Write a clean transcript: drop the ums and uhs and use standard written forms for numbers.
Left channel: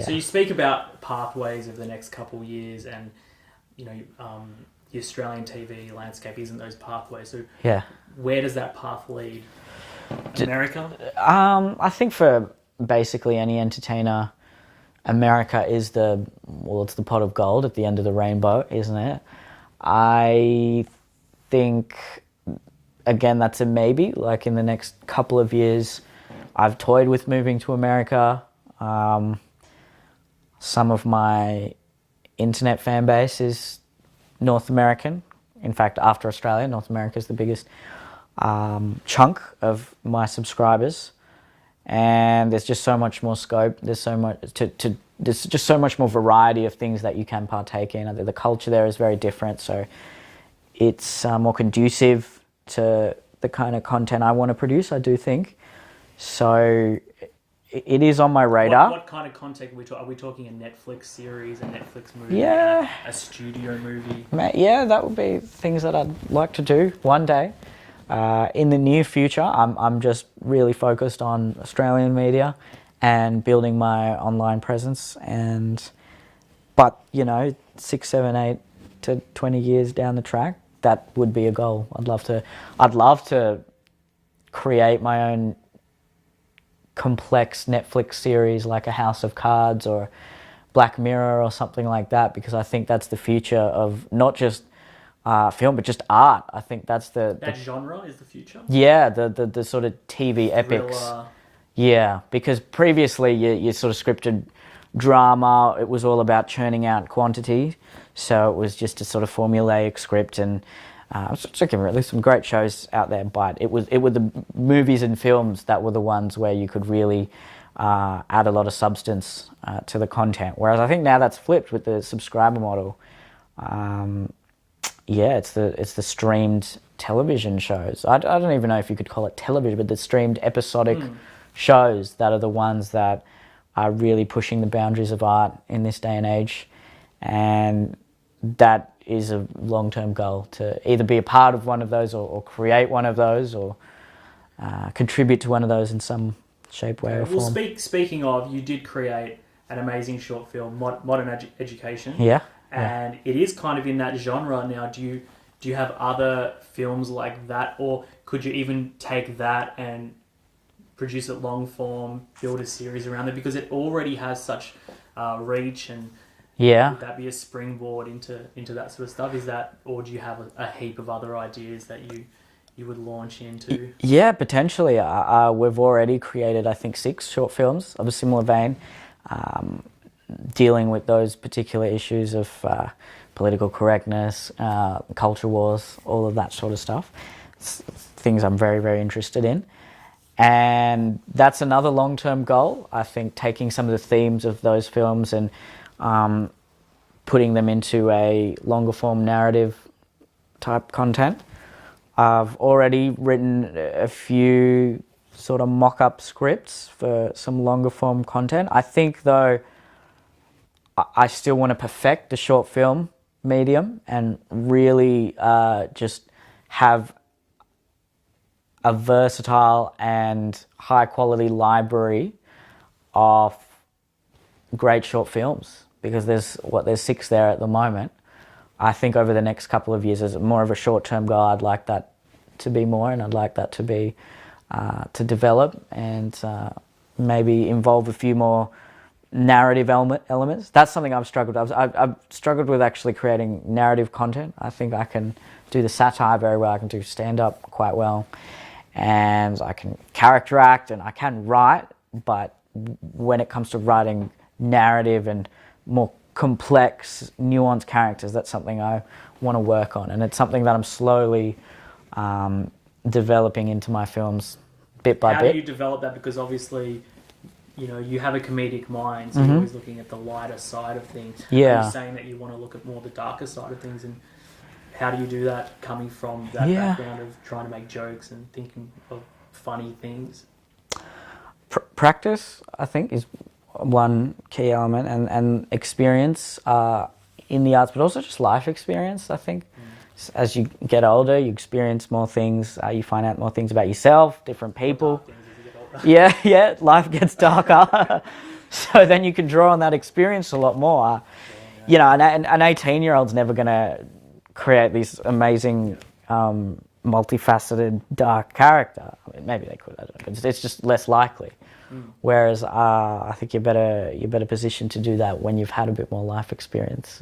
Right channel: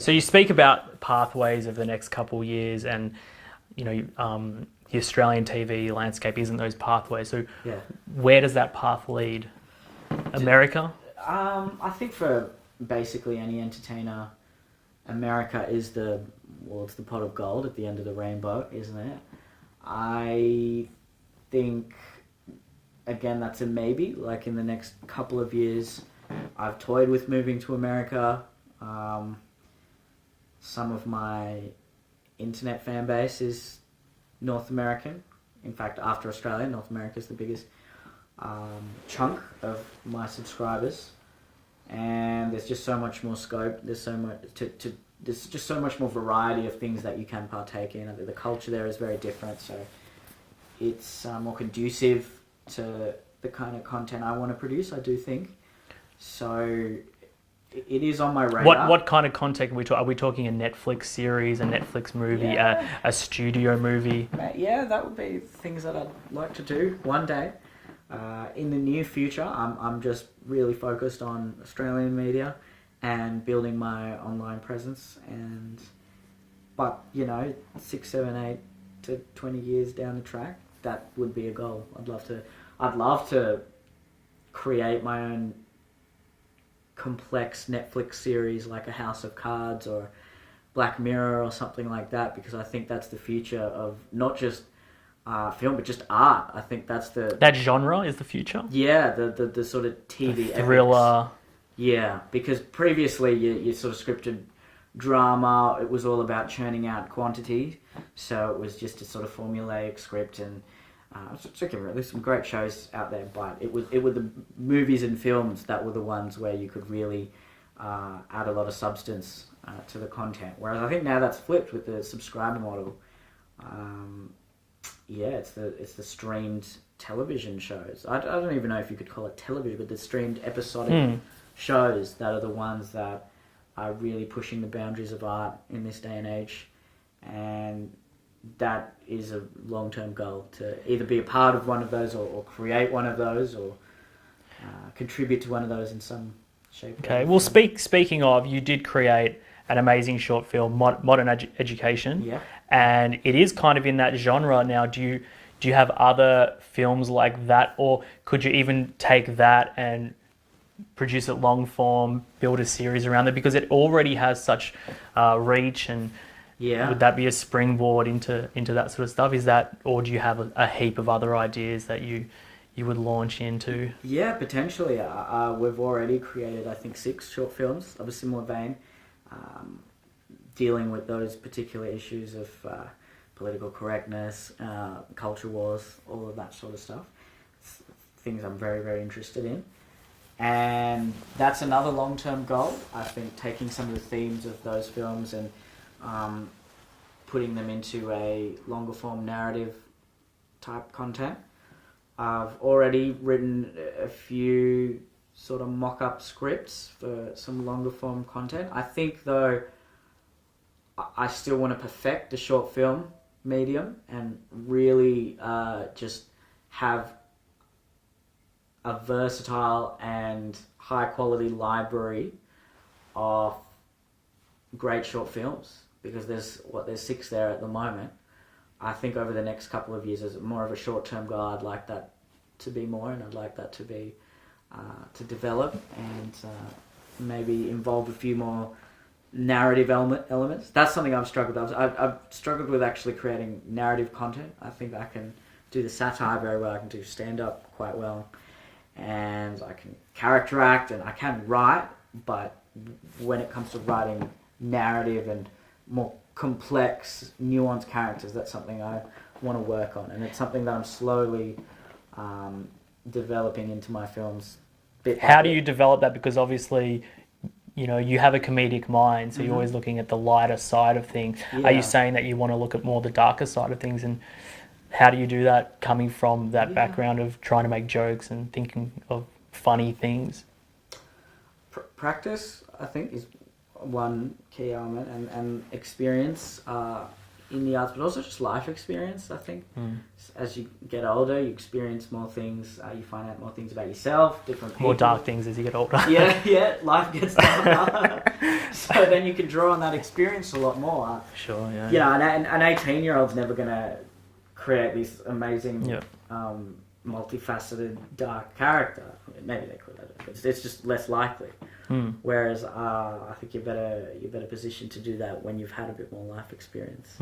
So you speak about pathways of the next couple of years, and the Australian TV landscape isn't those pathways. So where does that path lead? America? I think for basically any entertainer, America is it's the pot of gold at the end of the rainbow, isn't it? I think, again, that's a maybe. Like in the next couple of years, I've toyed with moving to America. Some of my internet fan base is North American. In fact, after Australia, North America is the biggest chunk of my subscribers, and there's just so much more scope. There's so much there's just so much more variety of things that you can partake in. The culture there is very different, so it's more conducive to the kind of content I want to produce, I do think. So it is on my radar. What kind of content are we talking? Are we talking a Netflix series, a Netflix movie, a studio movie? Yeah, that would be things that I'd like to do one day. In the near future, I'm just really focused on Australian media and building my online presence. But 6, 7, 8 to 20 years down the track, that would be a goal. I'd love to create my own complex Netflix series like a House of Cards or Black Mirror or something like that, because I think that's the future of not just film, but just art. I think that's that genre is the future. Yeah, the sort of TV thriller. Epics. Yeah, because previously you sort of scripted drama. It was all about churning out quantity, so it was just a sort of formulaic script, and there's some great shows out there. But it were the movies and films that were the ones where you could really add a lot of substance to the content. Whereas I think now that's flipped with the subscriber model. It's the streamed television shows. I don't even know if you could call it television, but the streamed episodic shows that are the ones that are really pushing the boundaries of art in this day and age. And that is a long-term goal, to either be a part of one of those or create one of those or contribute to one of those in some shape, way, or well, form. Speaking of, you did create an amazing short film, Modern Education. Yeah. And it is kind of in that genre now. Do you have other films like that, or could you even take that and produce it long form, build a series around it, because it already has such reach? And would that be a springboard into that sort of stuff? Is that, or do you have a heap of other ideas that you would launch into? Yeah, potentially. We've already created, I think, 6 short films of a similar vein, dealing with those particular issues of political correctness, culture wars, all of that sort of stuff. It's things I'm very, very interested in. And that's another long-term goal. I think taking some of the themes of those films and putting them into a longer-form narrative type content. I've already written a few sort of mock-up scripts for some longer-form content. I think, though, I still want to perfect the short film medium and really just have a versatile and high-quality library of great short films, because there's 6 there at the moment. I think over the next couple of years, as more of a short-term goal, I'd like that to be more, and I'd like that to be to develop and maybe involve a few more narrative elements. That's something I've struggled with. I've struggled with actually creating narrative content. I think I can do the satire very well. I can do stand-up quite well, and I can character act, and I can write. But when it comes to writing narrative and more complex, nuanced characters, that's something I want to work on, and it's something that I'm slowly developing into my films bit by bit. How do you develop that? Because obviously, you have a comedic mind, so you're always looking at the lighter side of things. Yeah. Are you saying that you want to look at more the darker side of things, and how do you do that coming from that background of trying to make jokes and thinking of funny things? Practice, I think, is one key element, and experience. in the arts, but also just life experience. I think as you get older, you experience more things. You find out more things about yourself, different people. More dark things as you get older. Yeah, life gets darker. So then you can draw on that experience a lot more. Sure, yeah. You know, an 18-year-old's never going to create this amazing, multifaceted, dark character. I mean, maybe they could. I don't know. It's just less likely. Whereas I think you're better positioned to do that when you've had a bit more life experience.